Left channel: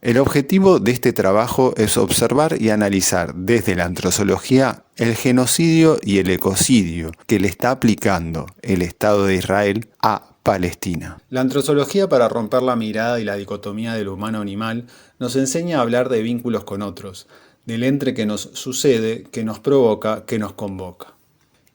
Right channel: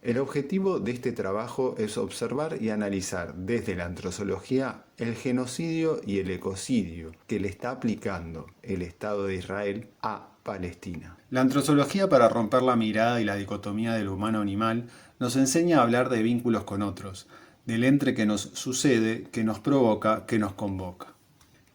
El objetivo de este trabajo es observar y analizar desde la antrozoología el genocidio y el ecocidio que le está aplicando el Estado de Israel a Palestina. La antrozoología, para romper la mirada y la dicotomía del humano-animal, nos enseña a hablar de vínculos con otros, del entre que nos sucede, que nos provoca, que nos convoca.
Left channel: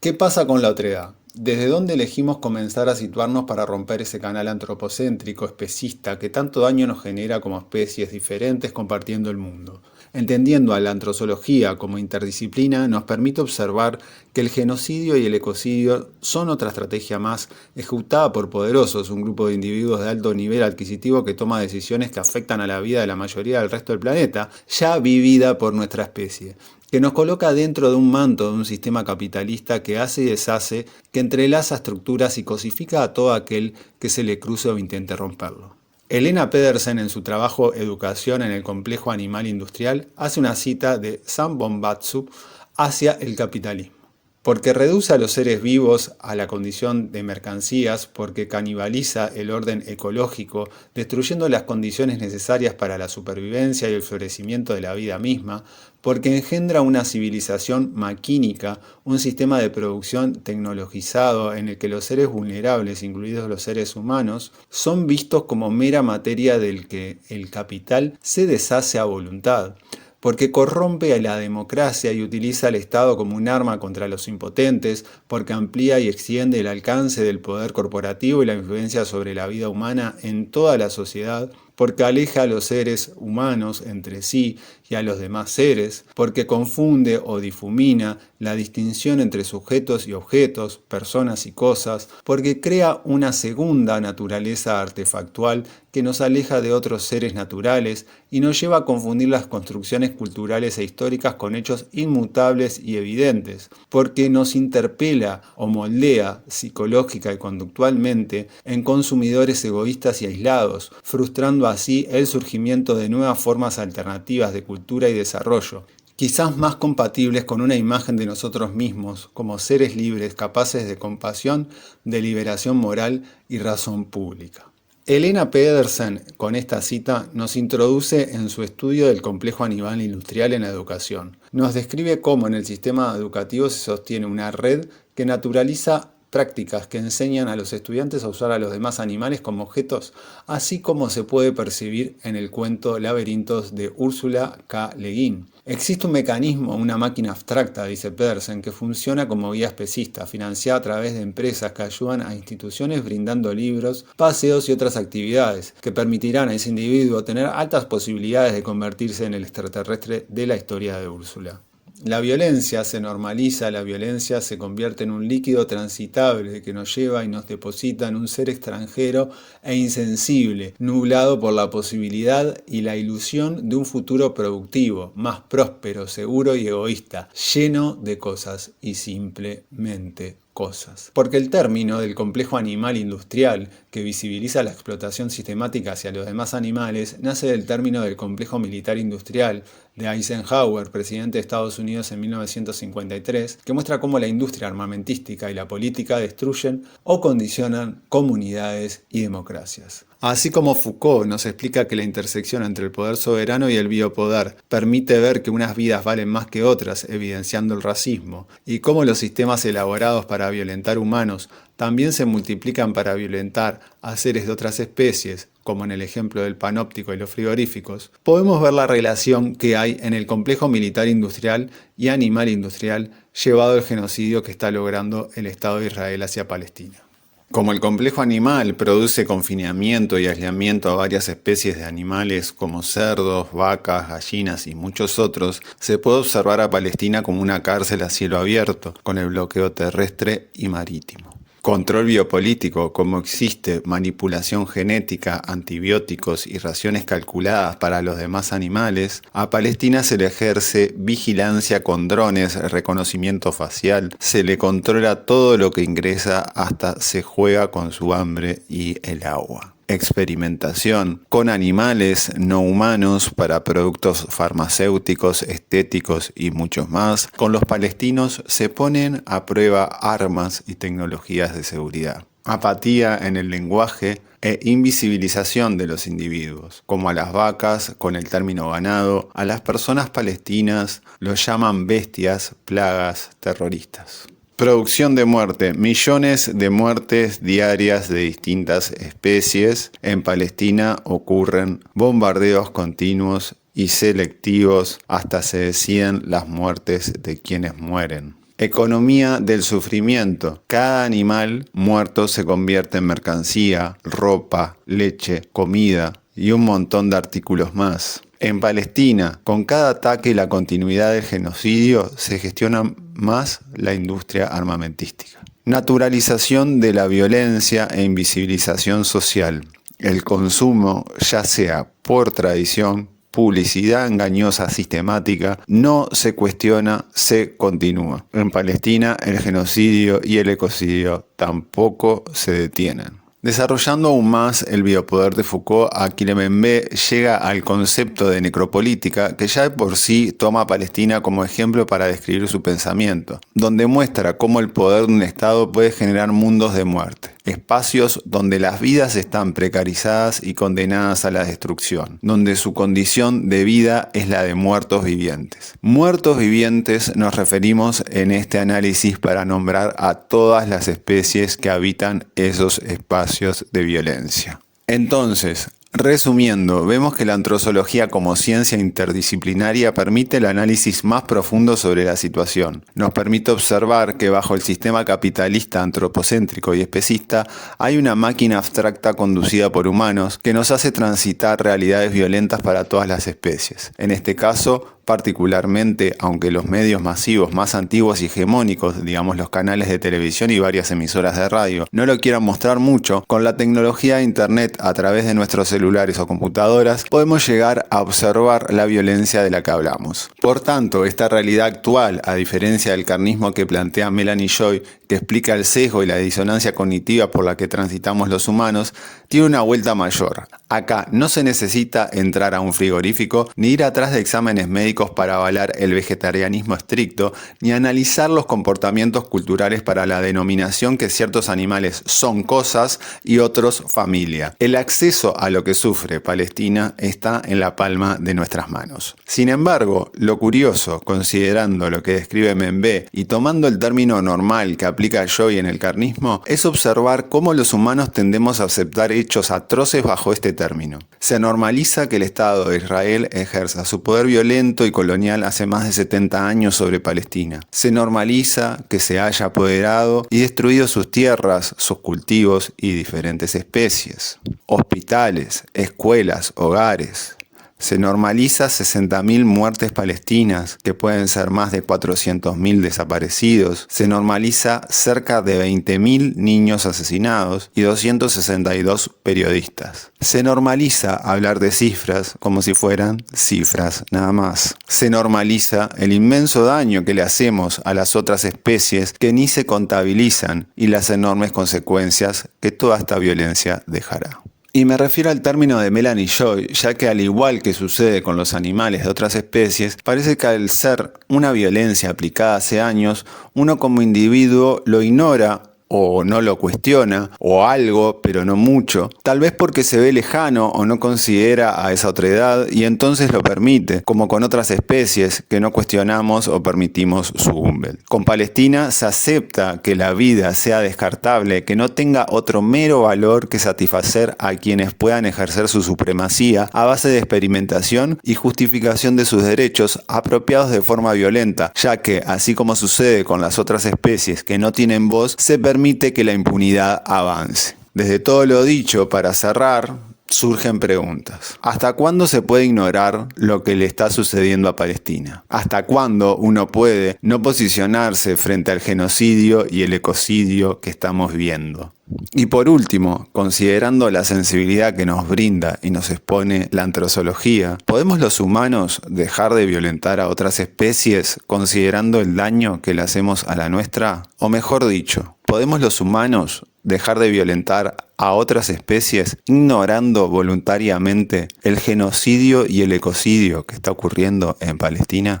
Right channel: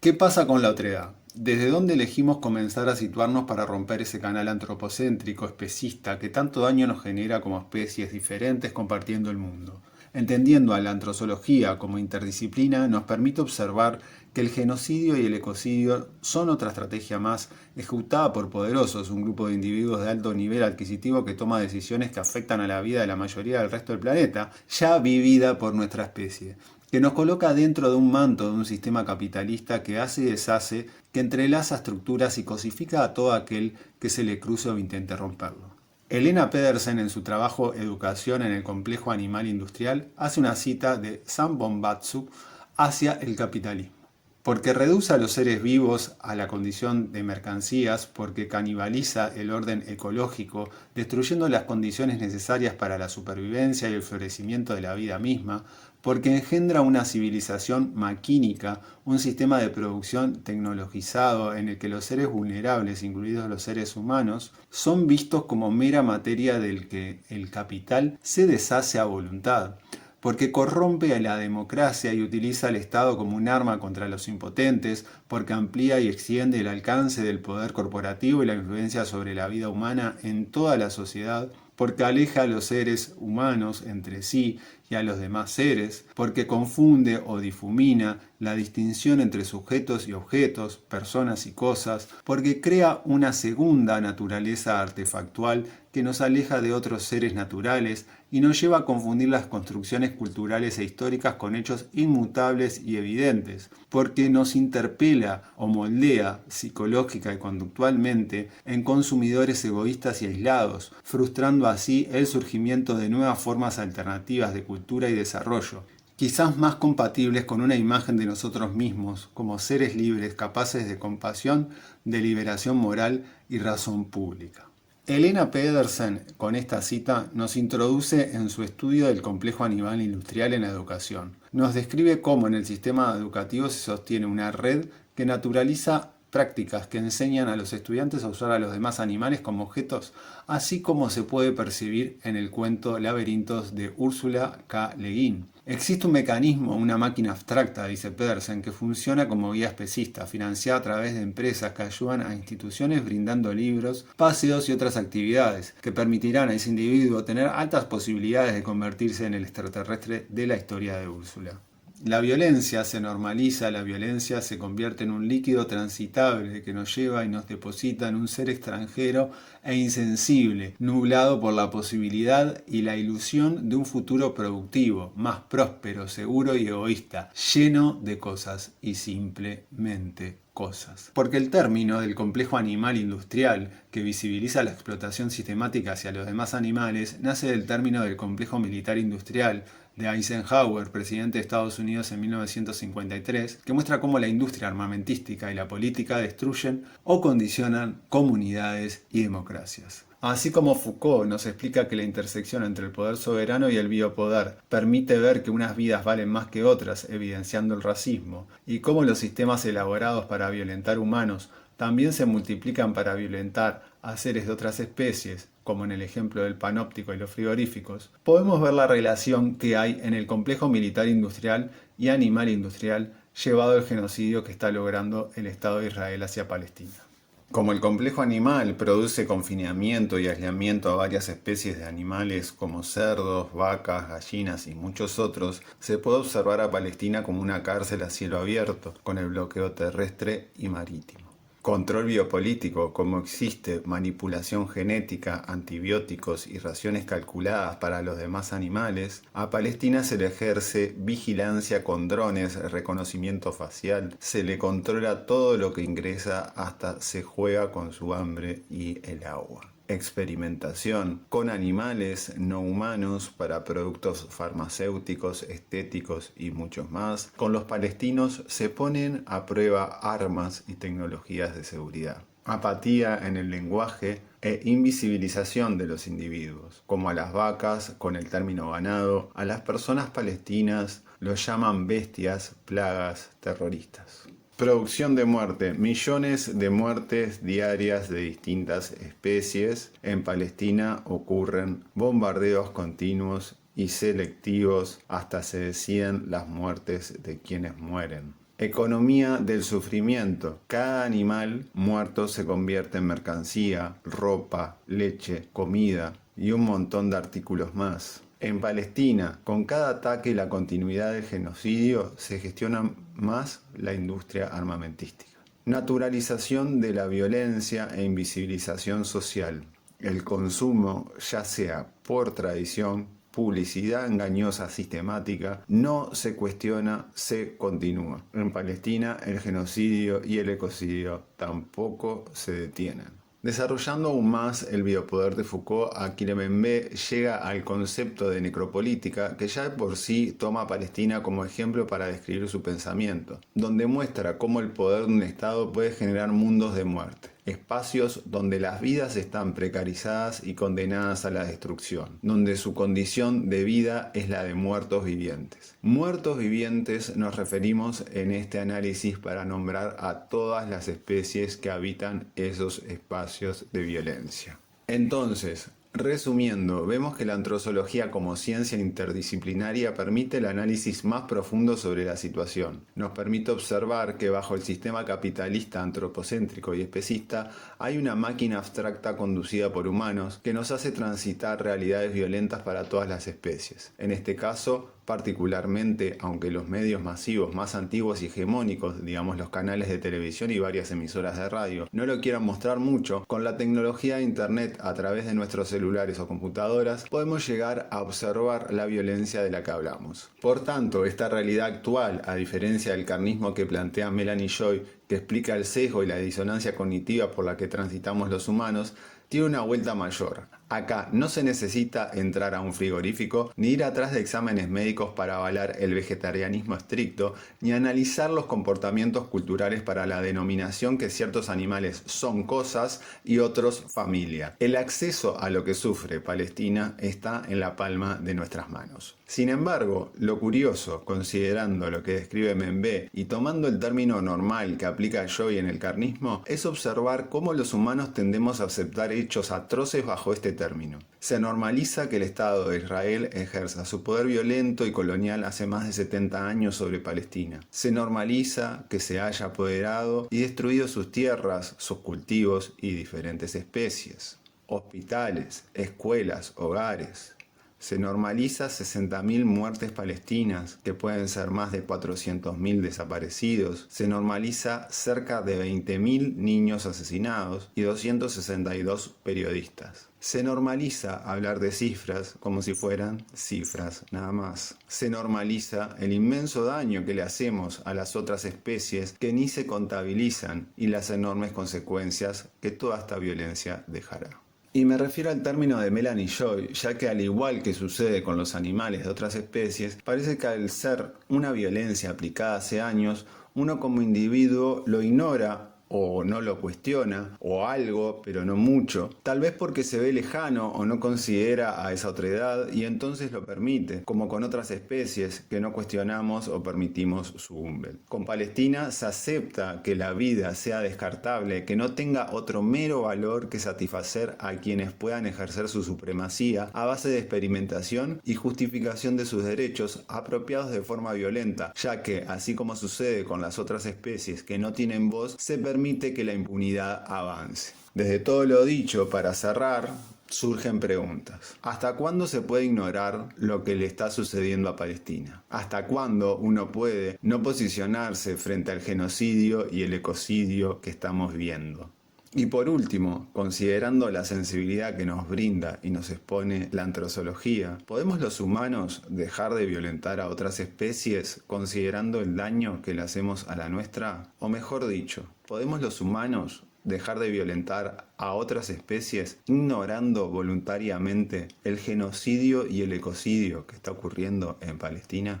¿Qué pasa con la otredad? ¿Desde dónde elegimos comenzar a situarnos para romper ese canal antropocéntrico, especista, que tanto daño nos genera como especies diferentes compartiendo el mundo? Entendiendo a la antrozoología como interdisciplina, nos permite observar que el genocidio y el ecocidio son otra estrategia más ejecutada por poderosos, un grupo de individuos de alto nivel adquisitivo que toma decisiones que afectan a la vida de la mayoría del resto del planeta, ya vivida por nuestra especie, que nos coloca dentro de un manto de un sistema capitalista que hace y deshace, que entrelaza estructuras y cosifica a todo aquel que se le cruce o intente romperlo. Helena Pedersen, en su trabajo Educación en el complejo animal industrial, hace una cita de Sam Bombatsu hacia el capitalismo. Porque reduce a los seres vivos a la condición de mercancías, porque canibaliza el orden ecológico, destruyendo las condiciones necesarias para la supervivencia y el florecimiento de la vida misma, porque engendra una civilización maquínica, un sistema de producción tecnologizado en el que los seres vulnerables, incluidos los seres humanos, son vistos como mera materia del que el capital se deshace a voluntad, porque corrompe a la democracia y utiliza al Estado como un arma contra los impotentes, porque amplía y extiende el alcance del poder corporativo y la influencia sobre la vida humana en toda la sociedad, porque aleja a los seres humanos entre sí y a los demás seres, porque confunde o difumina la distinción entre sujetos y objetos, personas y cosas, porque crea una segunda naturaleza artefactual que nos aleja de otros seres naturales y nos lleva a confundir las construcciones culturales e históricas con hechos inmutables y evidentes, porque nos interpela o moldea psicológica y conductualmente en consumidores egoístas y aislados, frustrando así el surgimiento de nuevas formas alternativas de cultura y desarrollo, quizás más compatibles con una imagen de nosotros mismos como seres libres capaces de compasión, de liberación moral y razón pública. Helena Pedersen, con esta cita, nos introduce en su estudio del complejo animal industrial en la educación. Nos describe cómo en el sistema educativo se sostiene una red que naturaliza prácticas que enseñan a los estudiantes a usar a los demás animales como objetos, así como se puede percibir en el cuento Laberintos de Úrsula K. Le Guin. Existe un mecanismo, una máquina abstracta, dice Pedersen, que funciona como guía especista, financiada a través de empresas que ayudan a instituciones brindando libros, paseos y otras actividades, que permitirán a ese individuo tener altas posibilidades de convertirse en el extraterrestre de la historia de Úrsula. La violencia se normaliza, la violencia se convierte en un líquido transitable que nos lleva y nos deposita en un ser extranjero e insensible, nublado por la posibilidad y la ilusión de un futuro productivo, más próspero, seguro y egoísta, lleno de cosas y simplemente cosas. Porque el término del complejo animal industrial, que visibiliza la explotación sistemática hacia los demás animales, nace del término del complejo militar industrial, de Eisenhower, presidente de Estados Unidos en 1953, que muestra cómo la industria armamentística y la política destruyen o condicionan comunidades y democracias. Así como Foucault nos explica que la intersección entre el poder soberano y el biopoder permite ver que unas vidas valen más que otras, evidenciando el racismo, y cómo los sistemas elaborados para violentar humanos también se multiplican para violentar a seres de otras especies, como en el ejemplo del panóptico y los frigoríficos, podemos ver la relación que hay en el complejo militar industrial y animal industrial llevado al genocidio que está logrando el Estado de Israel hacia Palestina. Como el complejo animal produce confinamiento y aislamiento a varias especies de animales como cerdos, vacas, gallinas y muchos otros, se puede observar a Palestina como una cárcel a cielo abierto, con el bloqueo terrestre y marítimo. Control biopolítico, como existe manipulación genética, antibióticos y raciones calculadas para los demás animales, a Palestina se le ejerce vigilancia con drones, reconocimiento facial, se le controla todo lo que ingresa, hasta se juega con su hambre y el agua. Experimentación con animales no humanos para productos farmacéuticos, estéticos y muchos más. Con los palestinos se ponen a prueba armas y tecnologías de seguridad. apatía en el lenguaje e invisibilización de los individuos, como a las vacas con el término ganado, a las personas palestinas los llaman bestias, plagas, terroristas. Producción de muerte, millones de muertes diarias de distintas especies. En Palestina ocurren bombardeos continuos y selectivos hasta se deciden las muertes de quienes mueren. Economía del sufrimiento. Cada animal muerto se convierte en mercancía, ropa, leche, comida y un montón de artículos más. En Palestina, con cada ataque y la continuidad del genocidio, se gestiona más la industria armamentística. Naturalización de la violencia e invisibilización social. El consumo, ya sea por tradición, publicidad engañosa sistemática, no se cuestiona, se continúa. En Palestina, el genocidio y el ecocidio tampoco se detienen. Desarrollando aún más el biopoder de Foucault, Achille Mbembe llega al concepto de necropolítica que ya de por sí toma a Palestina como ejemplo para describir su pensamiento, donde muestra cómo el poder de un Estado puede generar mundos de muerte, espacios donde las vidas están precarizadas y condenadas a la destrucción, donde su condición de vida es la de muertos vivientes. Muertos vivientes nos referimos en este análisis para nombrar a todas las especies que habitan esos espacios de violencia. Entonces, resumiendo, vemos que la antrozoología como ciencia interdisciplinaria permite el análisis más profundo sobre la situación. Nos permite observar que bajo el sistema capitalista antropocéntrico y especista hay una máquina abstracta conducida por humanos que nos hace transitar realidades violentas para todas las especies. En este caso, particularmente, aunque los medios masivos más antiguos y hegemónicos, digamos los canales de televisión y varias emisoras de radio, no lo quieran mostrar mucho, con la tecnología de internet a través de nuestros celulares o computadoras, podemos llegar a observar la violencia de la que hablamos. Por tanto, esta realidad actual, a diferencia del carnismo que plantea Melanie Joy, que explica el sesgo y la disonancia cognitiva por la que transitamos los humanos, tiene una vuelta mayor. Acá no se necesita entrar a un frigorífico ni ir atrás de exámenes médicos para avalar el vegetarianismo estricto, ni analizar los comportamientos culturales para la denominación que ciertos animales son cosas y otros familia. El acceso a lo que sufre Palestina está en la palma de nuestras manos. Sin embargo, lo curioso, considerando lo que describe Mbembe y tomando el término normal que aplica Joy en el carnismo, es observar cómo los humanos tendemos a aceptar hechos atroces bajo este término. Se normaliza que el Estado de Israel ejerza su poder violento y colonial hace más de 70 años sobre Palestina. Se normaliza que se haya apoderado y destruido sus tierras, sus cultivos y diferentes especies. Hospitales, escuelas, hogares. Se normaliza 60.000 muertes palestinas, que pueden ser más de 400.000 desaparecidos. Se normaliza cerca de 20.000 niños asesinados y 262 periodistas. Se normaliza hablar de cifras como si fueran cifras nada más. Se normaliza el inmenso daño que le hacemos a las otras especies que ni se contabilizan y las enormes consecuencias que toda esta violencia dejará. Y me refiero al término de Melanie Joy, ya que al igual que sucede con los animales de otras especies, parece que al ser una violencia aplicada hace años, uno como individuo lo ignora o no lo cuestiona, o algo, pero no mucho, tal vez porque se ve lejano o no considera a esa otredad y entonces lo permite, como con otras especies que no cuestionamos o permitimos su Umwelt. Con Palestina se acepta que la vida sea descartable, que no tenga otro mero valor que satisfacer a quienes puedan ejercer su supremacía a base de experimentación y justificación de sus derechos apropiados de forma violenta, ya que, así como sucede con las otras especies que no tienen voz, se permite que la impunidad avance. Desde todo lo dicho, para cerrar, surgen preguntas. ¿Hasta cuándo se puede ignorar lo que le está sucediendo a Palestina? ¿Hasta cuándo uno puede no posicionarse frente al genocidio y el ecocidio que estamos viendo? Y por último, considerando la sensibilidad que nos brinda y nos expone la antrozoología, ¿podemos los humanos dejar de violentar a otras especies considerando el daño que le hacemos a la nuestra? O mejor dicho, ¿podemos los humanos dejar de violentar a otras especies ignorando voluntariamente el genocidio y el ecocidio que está ocurriendo en Palestina?